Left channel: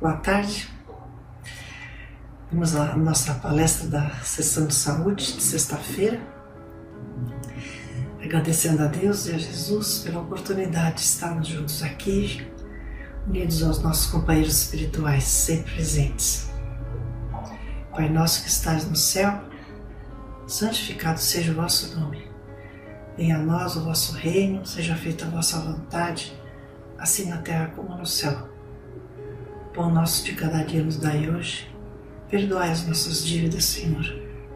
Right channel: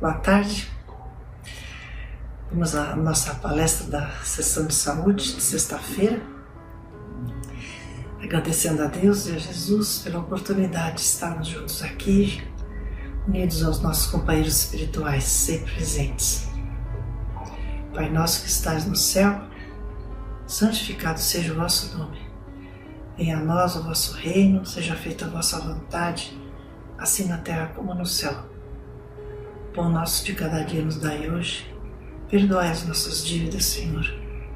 Boa tarde. Vamos à nossa palestra da sessão de saúde de sexta-feira. Agradecendo a Deus e a Jesus pela oportunidade de estarmos juntos aqui, unidos aos nossos companheiros espirituais, sempre presentes. Pai nosso que estás no céu, santificado seja o vosso nome. Venha a nós o vosso reino, seja feita a vossa vontade, assim na terra como no céu. O pão nosso de cada dia nos dai hoje. Perdoai as nossas dívidas, Senhor,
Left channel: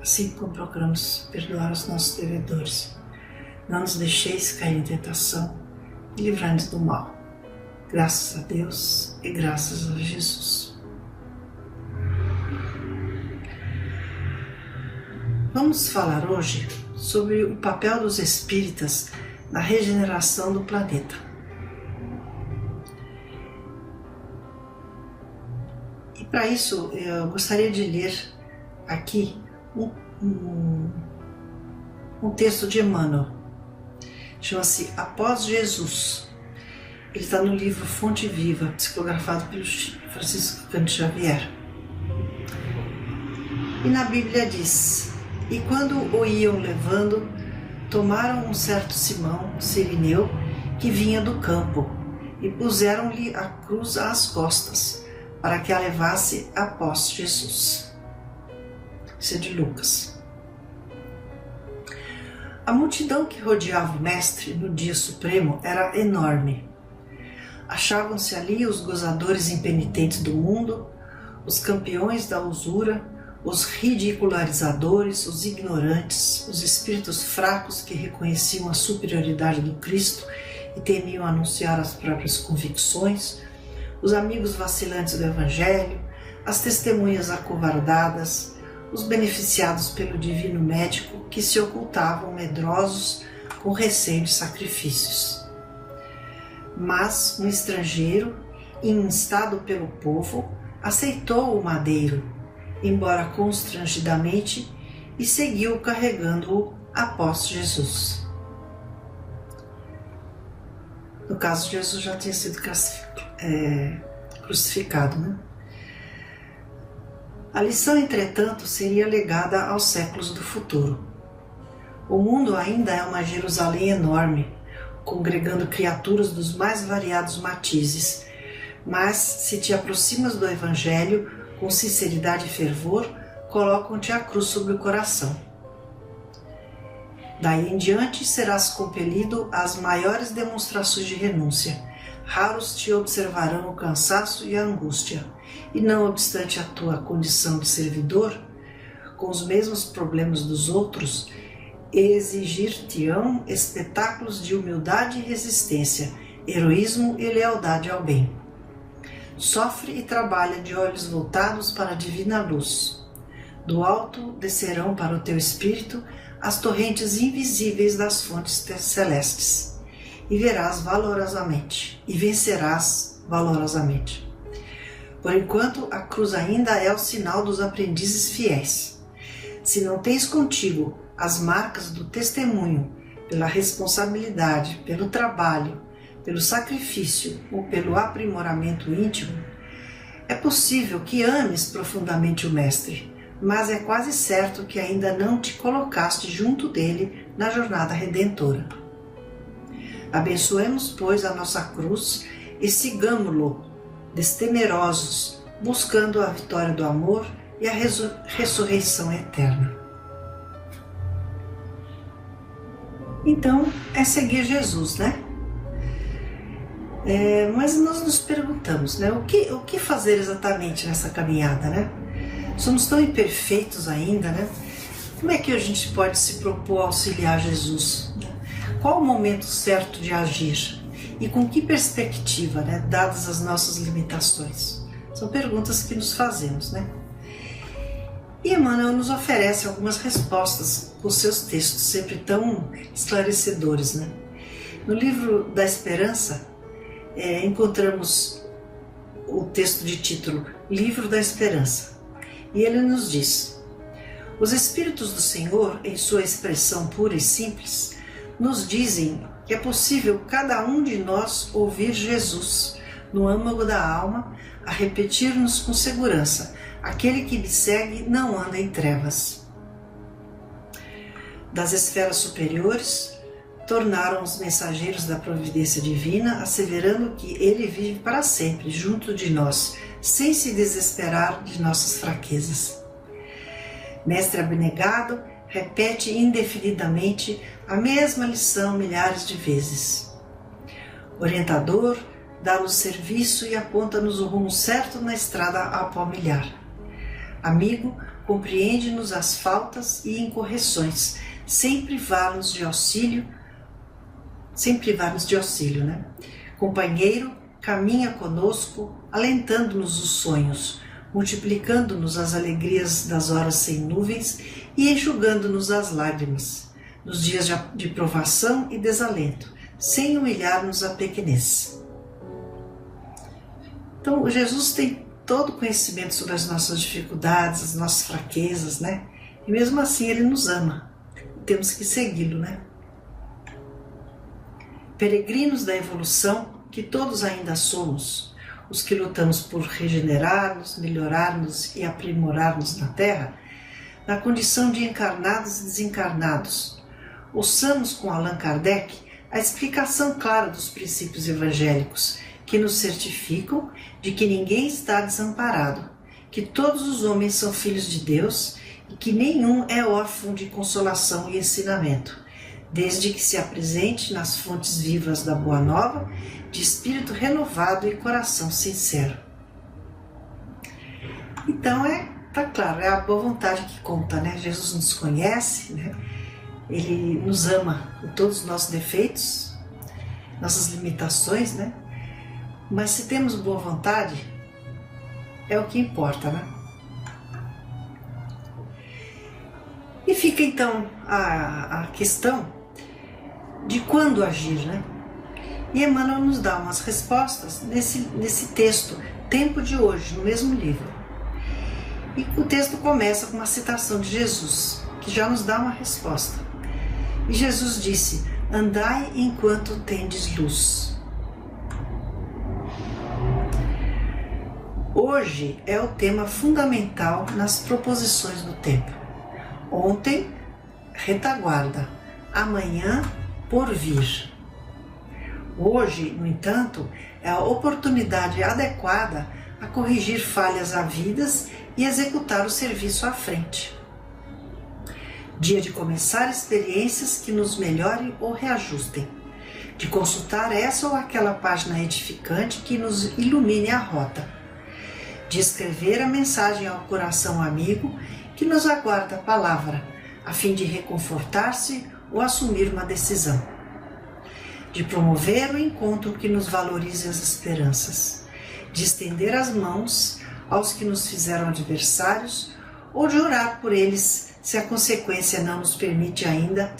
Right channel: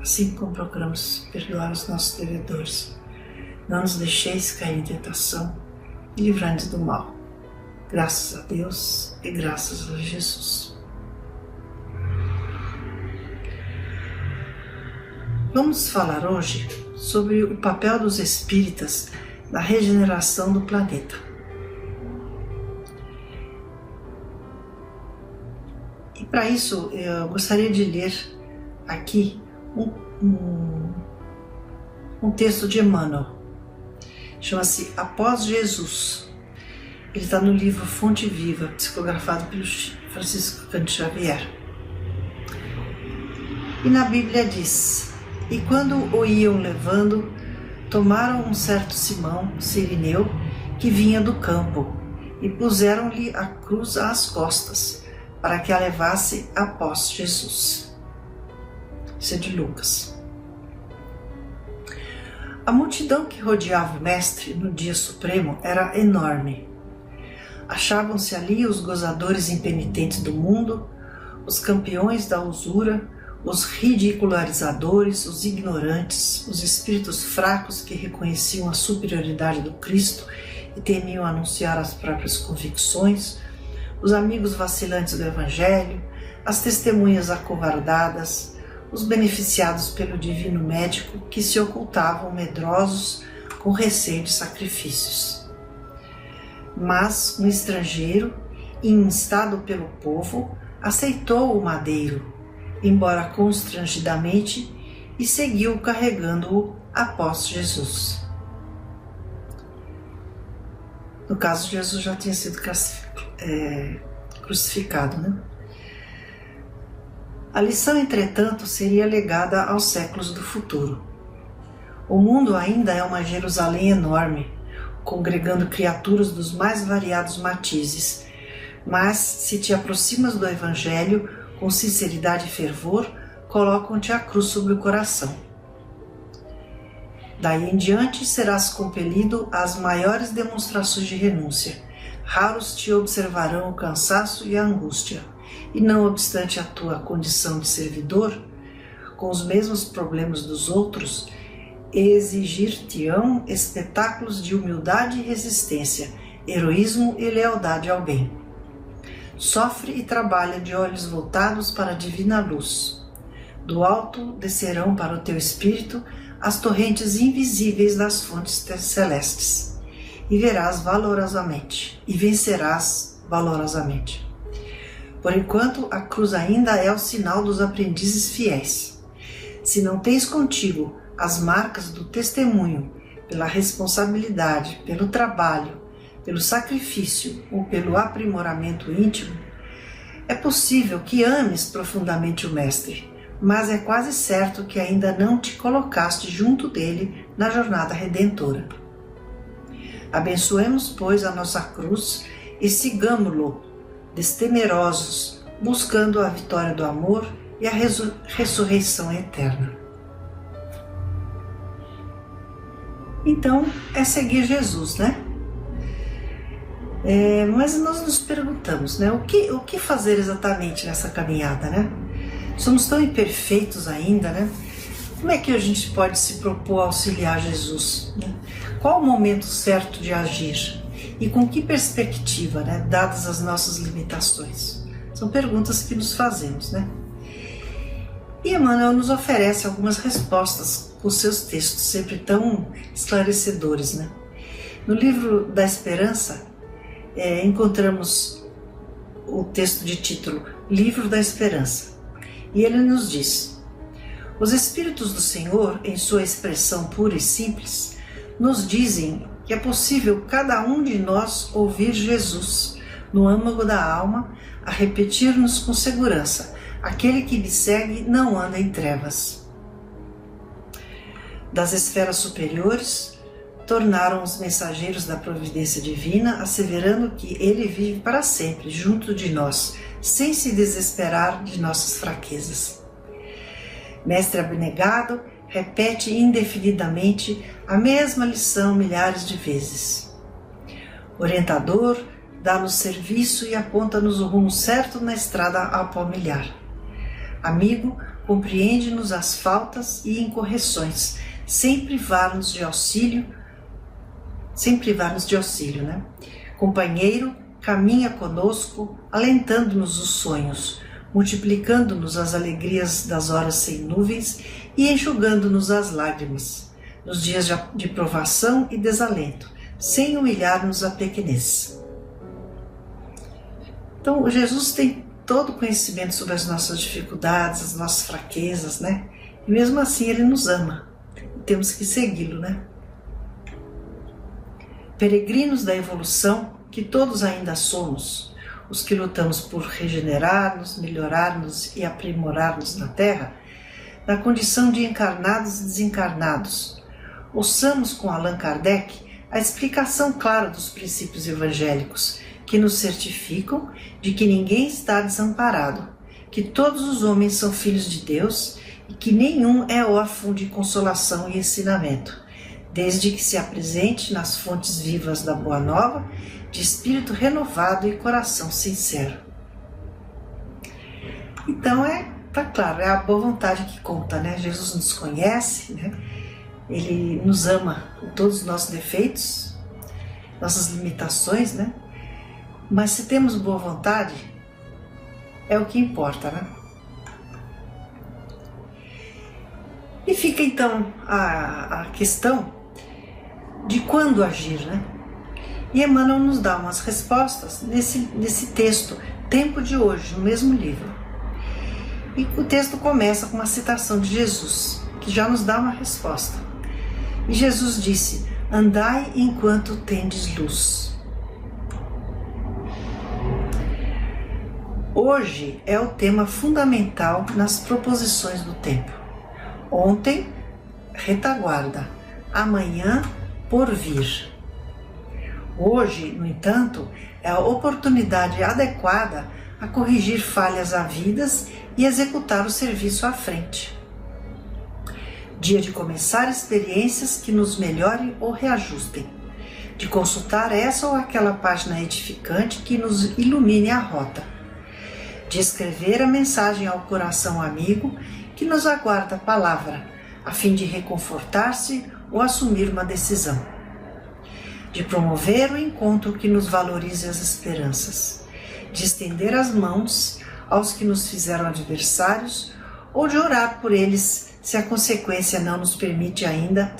assim como procuramos perdoar os nossos devedores. Não nos deixeis cair em tentação e livrai-nos do mal. Graças a Deus e graças a Jesus. Vamos falar hoje sobre o papel dos espíritas na regeneração do planeta. E para isso eu gostaria de ler aqui um texto de Emmanuel. Chama-se Após Jesus. Ele está no livro Fonte Viva, psicografado pelo Francisco Cândido Xavier. E na Bíblia diz: E quando o iam levando, tomaram um certo Simão, sirineu, que vinha do campo, e puseram-lhe a cruz às costas, para que a levasse após Jesus. Isso é de Lucas. A multidão que rodeava o Mestre no dia supremo era enorme. Achavam-se ali os gozadores impenitentes do mundo, os campeões da usura, os ridicularizadores, os ignorantes, os espíritos fracos que reconheciam a superioridade do Cristo e temiam anunciar as próprias convicções, os amigos vacilantes do Evangelho, as testemunhas acovardadas, os beneficiados pelo divino médico que se ocultavam medrosos com receio de sacrifícios. Mas um estrangeiro, instado pelo povo, aceitou o madeiro, embora constrangidamente, e seguiu carregando-o após Jesus. No caso, Jesus já tinha sido crucificado, né? A lição, entretanto, seria legada aos séculos do futuro. O mundo ainda é uma Jerusalém enorme, congregando criaturas dos mais variados matizes, mas se te aproximas do Evangelho com sinceridade e fervor, colocam-te a cruz sobre o coração. Daí em diante serás compelido às maiores demonstrações de renúncia. Raros te observarão o cansaço e a angústia, e não obstante a tua condição de servidor, com os mesmos problemas dos outros, exigir-te-ão espetáculos de humildade e resistência, heroísmo e lealdade ao bem. Sofre e trabalha de olhos voltados para a divina luz. Do alto descerão para o teu espírito as torrentes invisíveis das fontes celestes, e verás valorosamente, e vencerás valorosamente. Por enquanto, a cruz ainda é o sinal dos aprendizes fiéis. Se não tens contigo as marcas do testemunho, pela responsabilidade, pelo trabalho, pelo sacrifício ou pelo aprimoramento íntimo, é possível que ames profundamente o Mestre, mas é quase certo que ainda não te colocaste junto dele na jornada redentora. Abençoemos, pois, a nossa cruz e sigamo-lo, destemerosos, buscando a vitória do amor e a ressurreição eterna. Então, é seguir Jesus, né? Mas nós nos perguntamos, né? O que fazer exatamente nessa caminhada, né? Somos tão imperfeitos ainda, né? Como é que a gente pode se propor a auxiliar Jesus, né? Qual o momento certo de agir? E com que perspectiva, né? Dadas as nossas limitações? São perguntas que nos fazemos, né? E Emmanuel nos oferece algumas respostas com seus textos, sempre tão esclarecedores, né? No livro da Esperança, encontramos o texto de título Livro da Esperança. E ele nos diz: os Espíritos do Senhor, em sua expressão pura e simples, nos dizem que é possível cada um de nós ouvir Jesus no âmago da alma a repetir-nos com segurança: aquele que me segue não anda em trevas. Das esferas superiores, tornaram os mensageiros da providência divina, asseverando que ele vive para sempre junto de nós, sem se desesperar de nossas fraquezas. Mestre abnegado repete indefinidamente a mesma lição milhares de vezes. Orientador, dá-nos serviço e aponta-nos o rumo certo na estrada a palmilhar. Amigo, compreende-nos as faltas e incorreções, sem privar-nos de auxílio, né? Companheiro, caminha conosco, alentando-nos os sonhos, multiplicando-nos as alegrias das horas sem nuvens e enxugando-nos as lágrimas, nos dias de provação e desalento, sem humilhar-nos a pequenez. Então, Jesus tem todo o conhecimento sobre as nossas dificuldades, as nossas fraquezas, né? E mesmo assim Ele nos ama. Temos que segui-lo, né? Peregrinos da evolução, que todos ainda somos, os que lutamos por regenerar-nos, melhorar-nos e aprimorar-nos na Terra, na condição de encarnados e desencarnados, ouçamos com Allan Kardec a explicação clara dos princípios evangélicos, que nos certificam de que ninguém está desamparado, que todos os homens são filhos de Deus e que nenhum é órfão de consolação e ensinamento, desde que se apresente nas fontes vivas da Boa Nova, de espírito renovado e coração sincero. Então tá claro, é a boa vontade que conta, né? Jesus nos conhece, né? Ele nos ama com todos os nossos defeitos, nossas limitações, né? Mas se temos boa vontade, é o que importa, né? E fica então a questão de quando agir, né? E Emmanuel nos dá umas respostas nesse texto, Tempo de Hoje, no mesmo livro. E o texto começa com uma citação de Jesus, que já nos dá uma resposta. E Jesus disse: andai enquanto tendes luz. Hoje é o tema fundamental nas proposições do tempo. Ontem, retaguarda. Amanhã, porvir. Hoje, no entanto, é a oportunidade adequada a corrigir falhas havidas e executar o serviço à frente. Dia de começar experiências que nos melhorem ou reajustem, de consultar essa ou aquela página edificante que nos ilumine a rota, de escrever a mensagem ao coração amigo que nos aguarda a palavra, a fim de reconfortar-se ou assumir uma decisão, de promover o encontro que nos valorize as esperanças, de estender as mãos aos que nos fizeram adversários ou de orar por eles se a consciência não nos permite ainda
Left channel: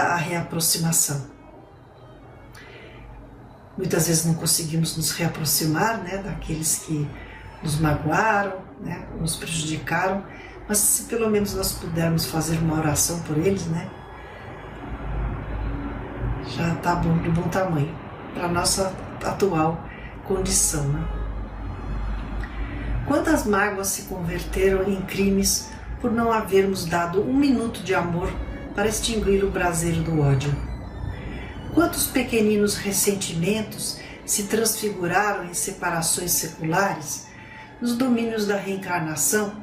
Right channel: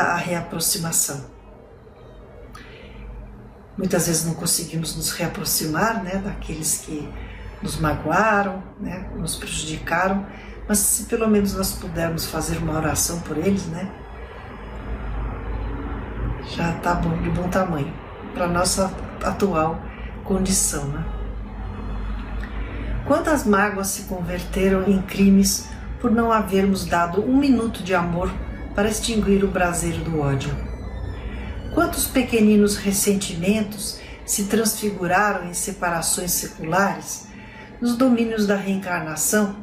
a reaproximação. Muitas vezes não conseguimos nos reaproximar, né, daqueles que nos magoaram, né, nos prejudicaram, mas se pelo menos nós pudermos fazer uma oração por eles, né, já está bom, de bom tamanho para a nossa atual condição, né? Quantas mágoas se converteram em crimes por não havermos dado um minuto de amor para extinguir o braseiro do ódio? Quantos pequeninos ressentimentos se transfiguraram em separações seculares nos domínios da reencarnação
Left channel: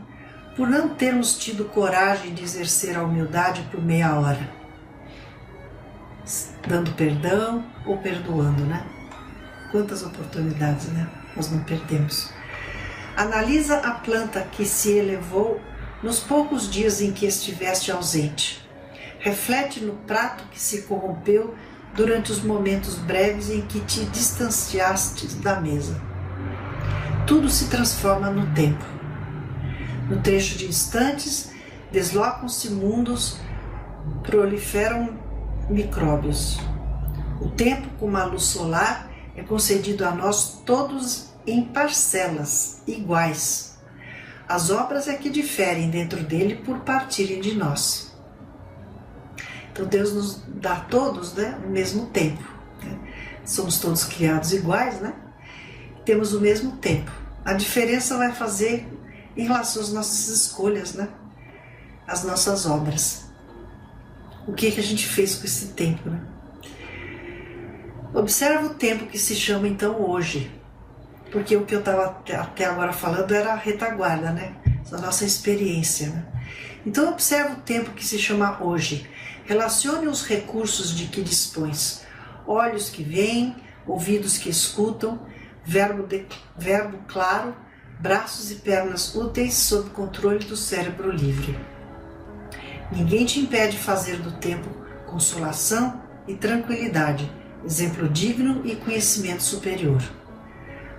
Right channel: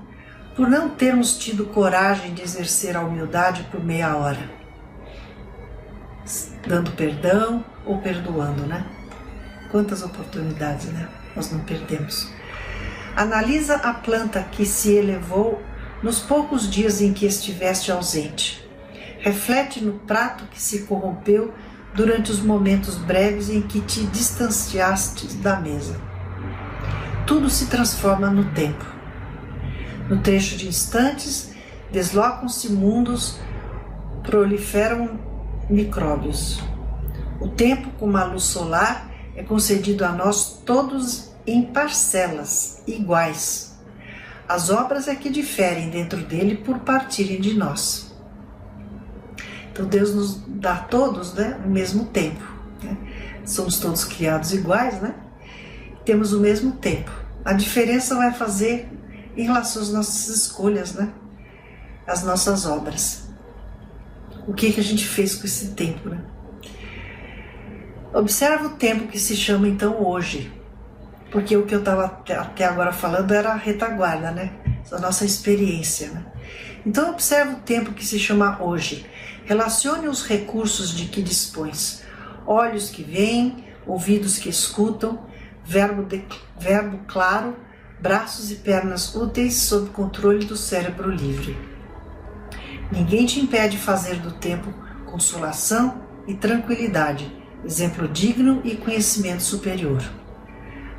por não termos tido coragem de exercer a humildade por meia hora, dando perdão ou perdoando, né? Quantas oportunidades, né? Nós não perdemos. Analisa a planta que se elevou nos poucos dias em que estiveste ausente. Reflete no prato que se corrompeu durante os momentos breves em que te distanciaste da mesa. Tudo se transforma no tempo. No trecho de instantes, deslocam-se mundos, proliferam micróbios. O tempo, como a luz solar, é concedido a nós todos em parcelas iguais. As obras é que diferem dentro dele por partirem de nós. Então Deus nos dá a todos, né, o mesmo tempo, né? somos todos criados iguais, né? Temos o mesmo tempo. A diferença vai fazer em relação às nossas escolhas, né? As nossas obras. O que a gente fez com esse tempo, né? Observa o tempo que se chama então hoje, porque o que eu estava até agora falando era a retaguarda, né? Da nossa experiência, né? Então observa o tempo que se chama hoje. Relacione os recursos de que dispões. Olhos que veem, ouvidos que escutam, verbo claro, braços e pernas úteis sob controle do cérebro livre. Ninguém te impede fazer do tempo consolação e tranquilidade, exemplo digno e conhecimento superior.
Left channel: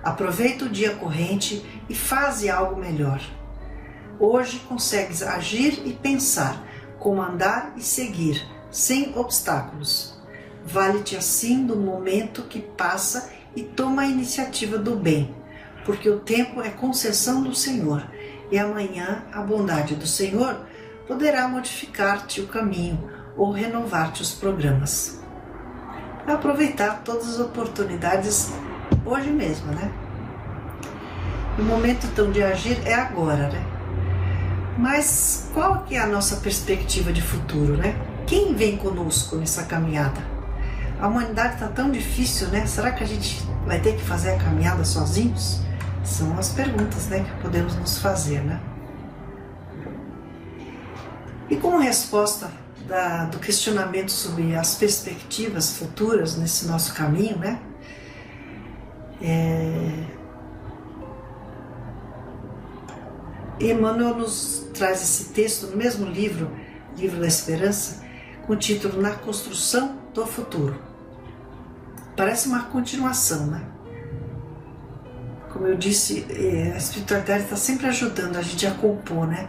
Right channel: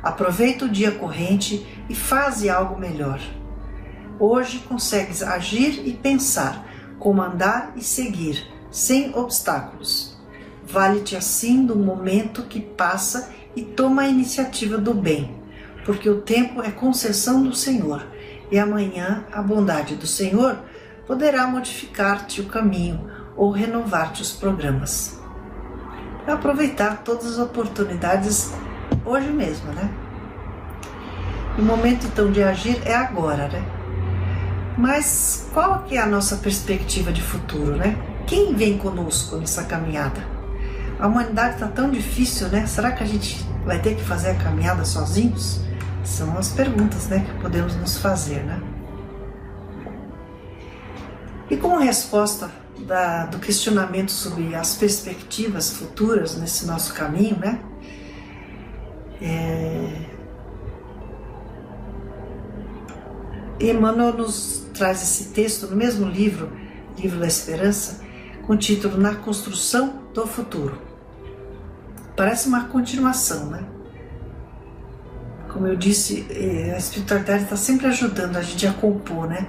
Aproveita o dia corrente e faze algo melhor. Hoje consegues agir e pensar, comandar e seguir, sem obstáculos. Vale-te assim do momento que passa e toma a iniciativa do bem, porque o tempo é concessão do Senhor, e amanhã a bondade do Senhor poderá modificar-te o caminho ou renovar-te os programas. É aproveitar todas as oportunidades hoje mesmo, né? O momento então de agir é agora, né? Mas qual que é a nossa perspectiva de futuro, né? Quem vem conosco nessa caminhada? A humanidade está tão difícil, né? Será que a gente vai ter que fazer a caminhada sozinhos? São as perguntas, né, que podemos nos fazer, né? E como resposta do questionamento sobre as perspectivas futuras nesse nosso caminho, né? Emmanuel nos traz esse texto no mesmo livro, Livro da Esperança, com o título Na Construção do Futuro. Parece uma continuação, né? Como eu disse, a espiritualidade está sempre ajudando a gente a compor, né?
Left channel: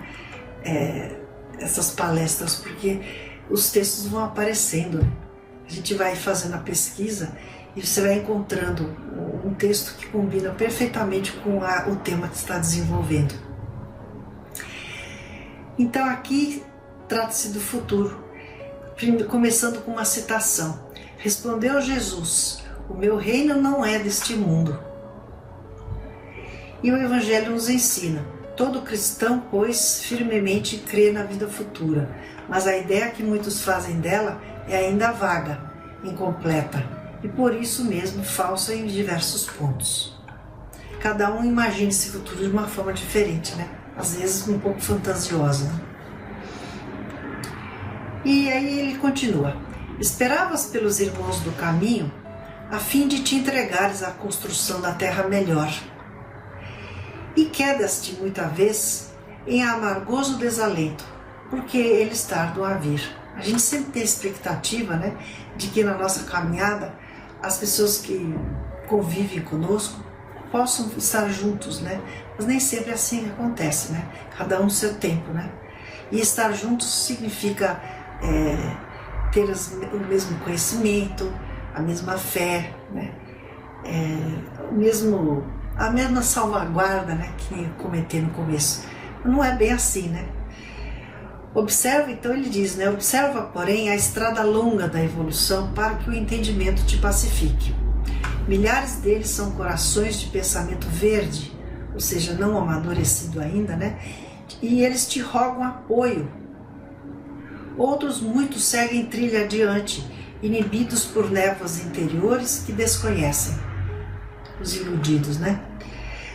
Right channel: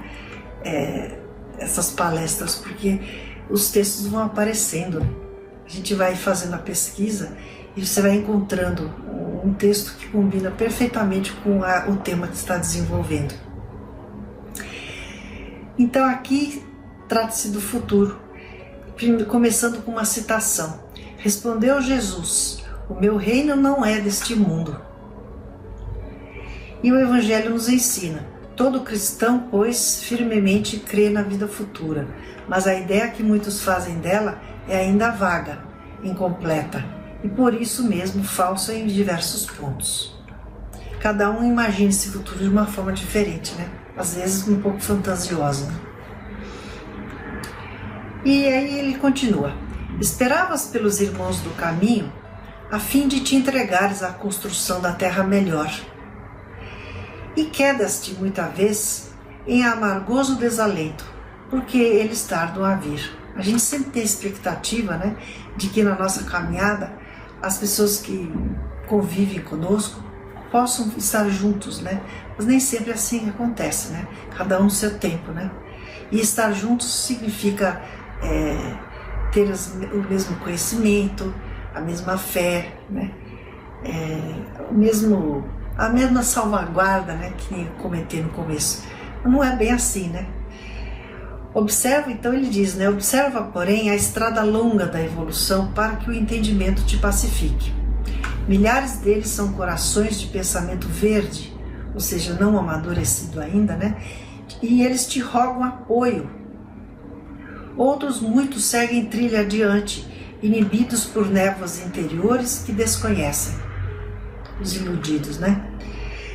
Essas palestras, porque os textos vão aparecendo. A gente vai fazendo a pesquisa e você vai encontrando um texto que combina perfeitamente com o tema que está desenvolvendo. Então aqui trata-se do futuro, começando com uma citação. Respondeu Jesus: o meu reino não é deste mundo. E o Evangelho nos ensina: todo cristão, pois, firmemente crê na vida futura, mas a ideia que muitos fazem dela é ainda vaga, incompleta e por isso mesmo falsa em diversos pontos. Cada um imagina esse futuro de uma forma diferente, né? Às vezes um pouco fantasiosa. Né? E aí ele continua: esperavas pelos irmãos do caminho a fim de te entregares à construção da terra melhor. E quedas-te muita vez em amargoso desalento, porque eles tardam a vir. A gente sempre tem expectativa, né, de que na nossa caminhada as pessoas que convivem conosco possam estar juntos, né? Mas nem sempre assim acontece, né? Cada um no seu tempo, né? E estar juntos significa ter o mesmo conhecimento, a mesma fé, né? A mesma salvaguarda, né, que comentei no começo. Mas não é bem assim, né? Observa, então ele diz, né? Observa, porém, a estrada longa da evolução para que o entendimento te pacifique. Milhares deles são corações de pensamento verde, ou seja, não amadurecido ainda, né? E eles te rogam apoio. Outros muitos seguem trilha adiante, inibidos por névoas interiores que desconhecem. Os iludidos, né?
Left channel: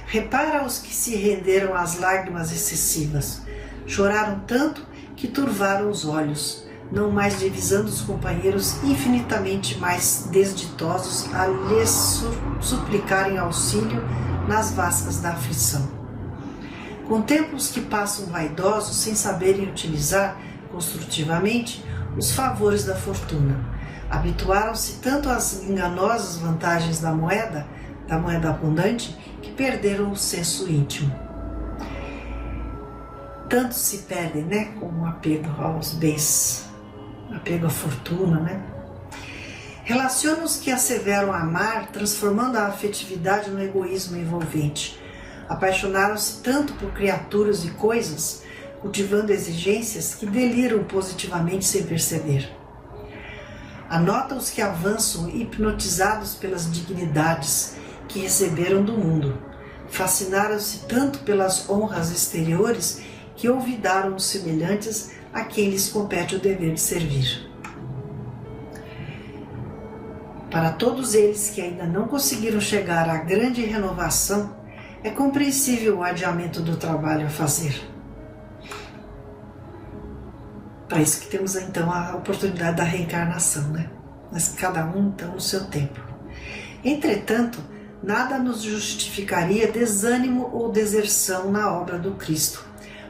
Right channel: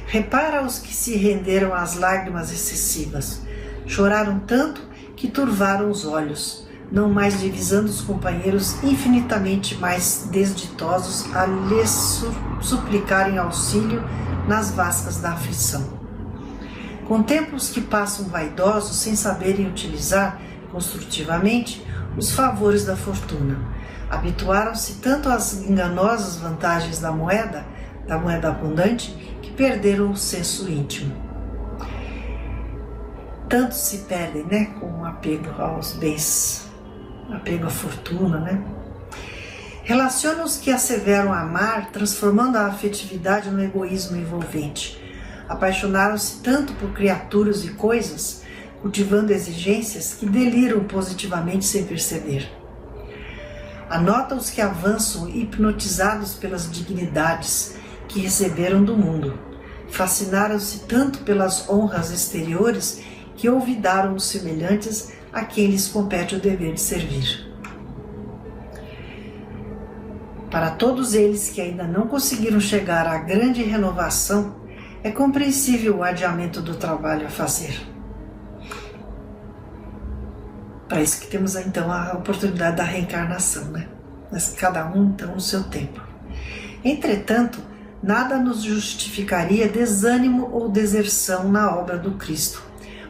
Repara os que se renderam às lágrimas excessivas. Choraram tanto que turvaram os olhos, não mais divisando os companheiros infinitamente mais desditosos a lhes suplicarem auxílio nas vascas da aflição. Contempla os que passam vaidosos sem saberem utilizar construtivamente os favores da fortuna. Habituaram-se tanto às enganosas vantagens da moeda abundante, que perderam o senso íntimo. Tanto se perdem, né, com o apego aos bens, apego à fortuna, né? Relaciona os que asseveram amar, transformando a afetividade no egoísmo envolvente. Apaixonaram-se tanto por criaturas e coisas, cultivando exigências que deliram positivamente sem perceber. Anota os que avançam hipnotizados pelas dignidades que receberam do mundo. Fascinaram-se tanto pelas honras exteriores que olvidaram os semelhantes a quem lhes compete o dever de servir. Para todos eles que ainda não conseguiram chegar à grande renovação, é compreensível o adiamento do trabalho a fazer. Para isso que temos então a oportunidade da reencarnação, né? Mas cada um então no seu tempo. Entretanto, nada nos justificaria desânimo ou deserção na obra do Cristo,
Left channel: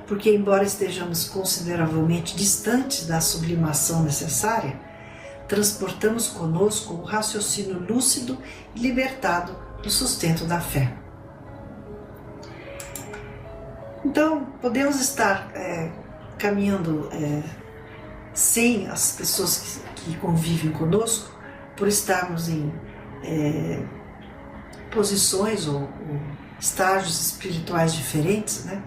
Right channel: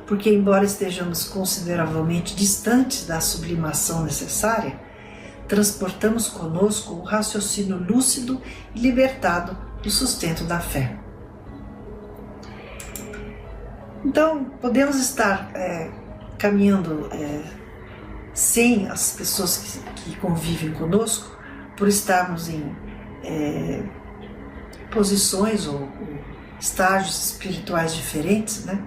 porque embora estejamos consideravelmente distantes da sublimação necessária, transportamos conosco o raciocínio lúcido e libertado do sustento da fé. Então, podemos estar caminhando sem as pessoas que convivem conosco, por estarmos em posições ou estágios espirituais diferentes, né?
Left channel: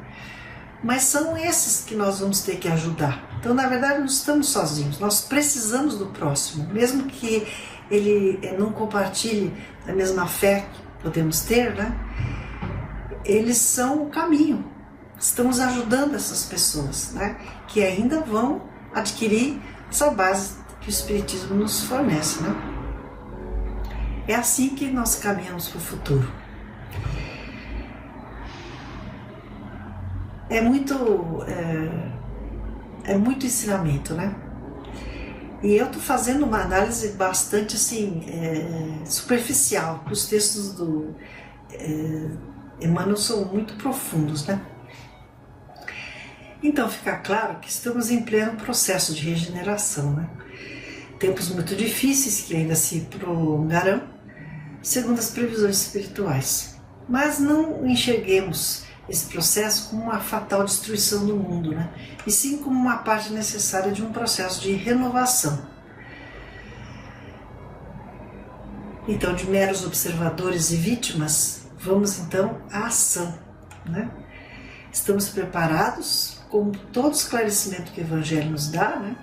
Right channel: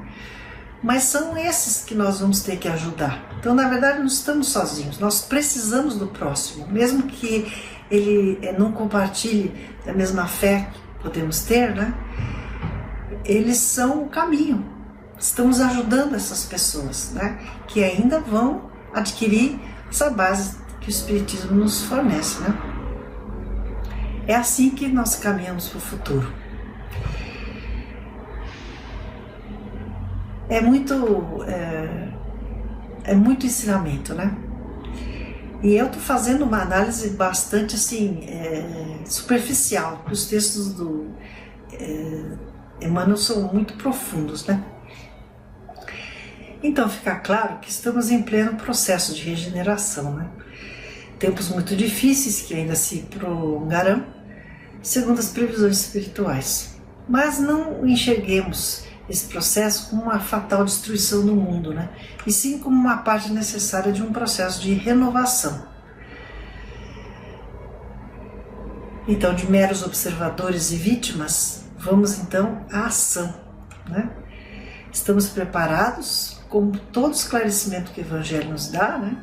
Mas são esses que nós vamos ter que ajudar. Então, na verdade, não estamos sozinhos, nós precisamos do próximo, mesmo que ele não compartilhe da mesma fé que podemos ter, né? Eles são o caminho, estamos ajudando essas pessoas, né? Que ainda vão adquirir essa base que o Espiritismo nos fornece, né? É assim que nós caminhamos para o futuro. É muito ensinamento, né? E eu estou fazendo uma análise bastante assim, superficial. Os textos do Emmanuel são muito profundos, né? Então fica claro que estamos em pleno processo de regeneração, né? Tempos muito difíceis que ainda se prolongarão, segundo as previsões espirituais. Mas não enxerguemos esse processo como uma fatal destruição do mundo, né? E sim como uma parte necessária de um processo de renovação. Então, de meros observadores e vítimas, vamos então à ação, né? Estamos preparados, com todo o esclarecimento que o Evangelho nos dá, né?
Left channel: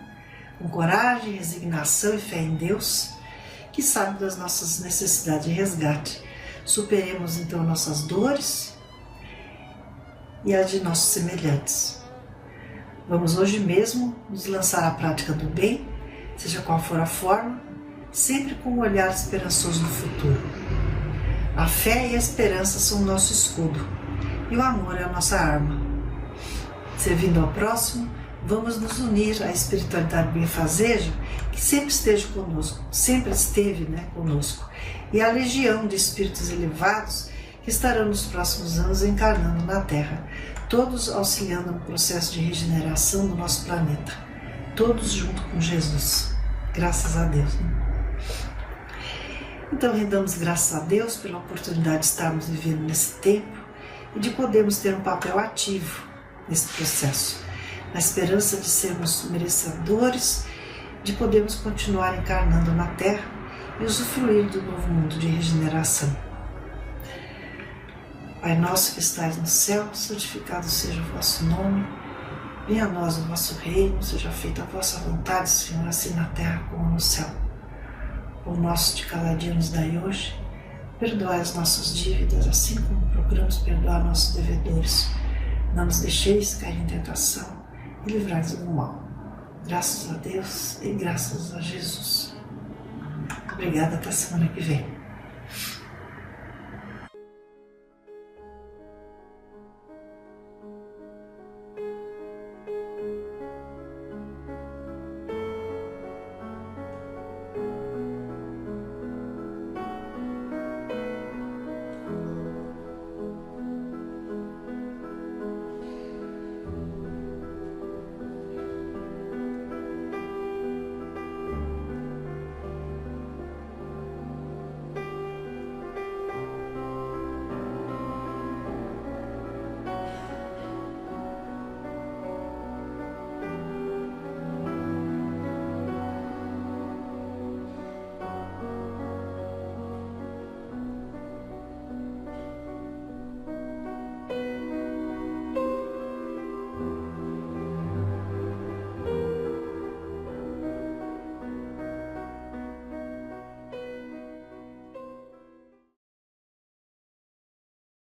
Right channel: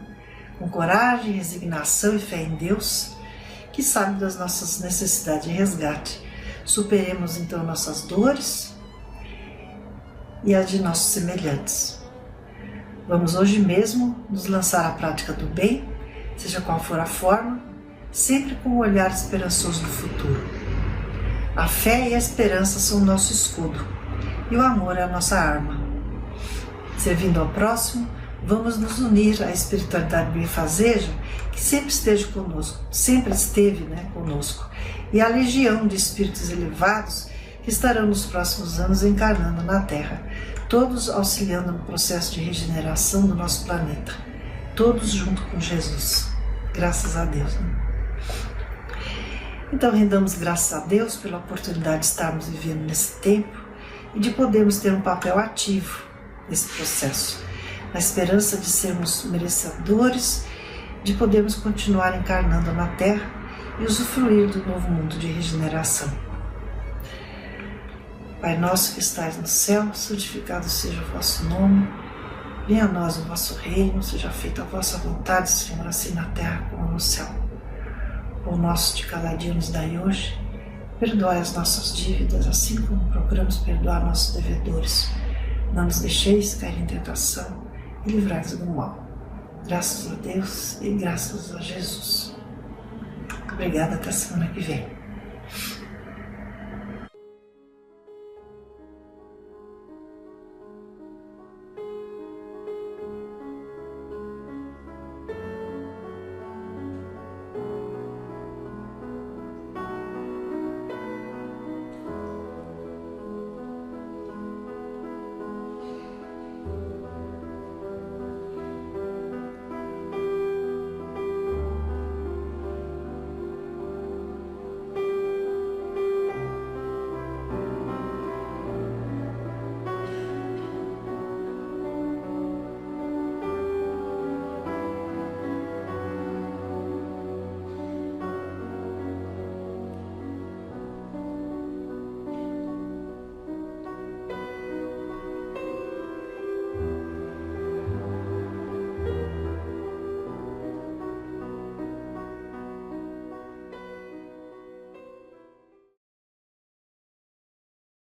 Com coragem, resignação e fé em Deus, que sabe das nossas necessidades de resgate. Superemos então nossas dores e as de nossos semelhantes. Vamos hoje mesmo nos lançar à prática do bem, seja qual for a forma, sempre com um olhar esperançoso no futuro. A fé e a esperança são o nosso escudo, e o amor é a nossa arma. Servindo ao próximo, vamos nos unir à espiritualidade benfazeja, que sempre esteja conosco, sempre esteve, né, conosco, e à legião de espíritos elevados que estarão nos próximos anos encarnando na Terra, todos auxiliando no processo de regeneração do nosso planeta, todos junto com Jesus. Graças a Deus, né? Então, rendamos graças a Deus pela oportunidade de estarmos vivendo nesse tempo e de podermos ter um papel ativo nesse processo, na esperança de sermos merecedores, de podermos continuar encarnando na Terra e usufruir do novo mundo de regeneração. Pai nosso que estais no céu, santificado seja o vosso nome, venha a nós o vosso reino, seja feita a vossa vontade, Senhor, assim na terra como no céu. O nosso de cada dia nos dai hoje, perdoai as nossas dívidas, assim como procuramos perdoar nossos devedores. Não nos deixeis cair em tentação e livrai-nos do mal. Graças a Deus e graças a Jesus. Obrigada, até a semana que vem.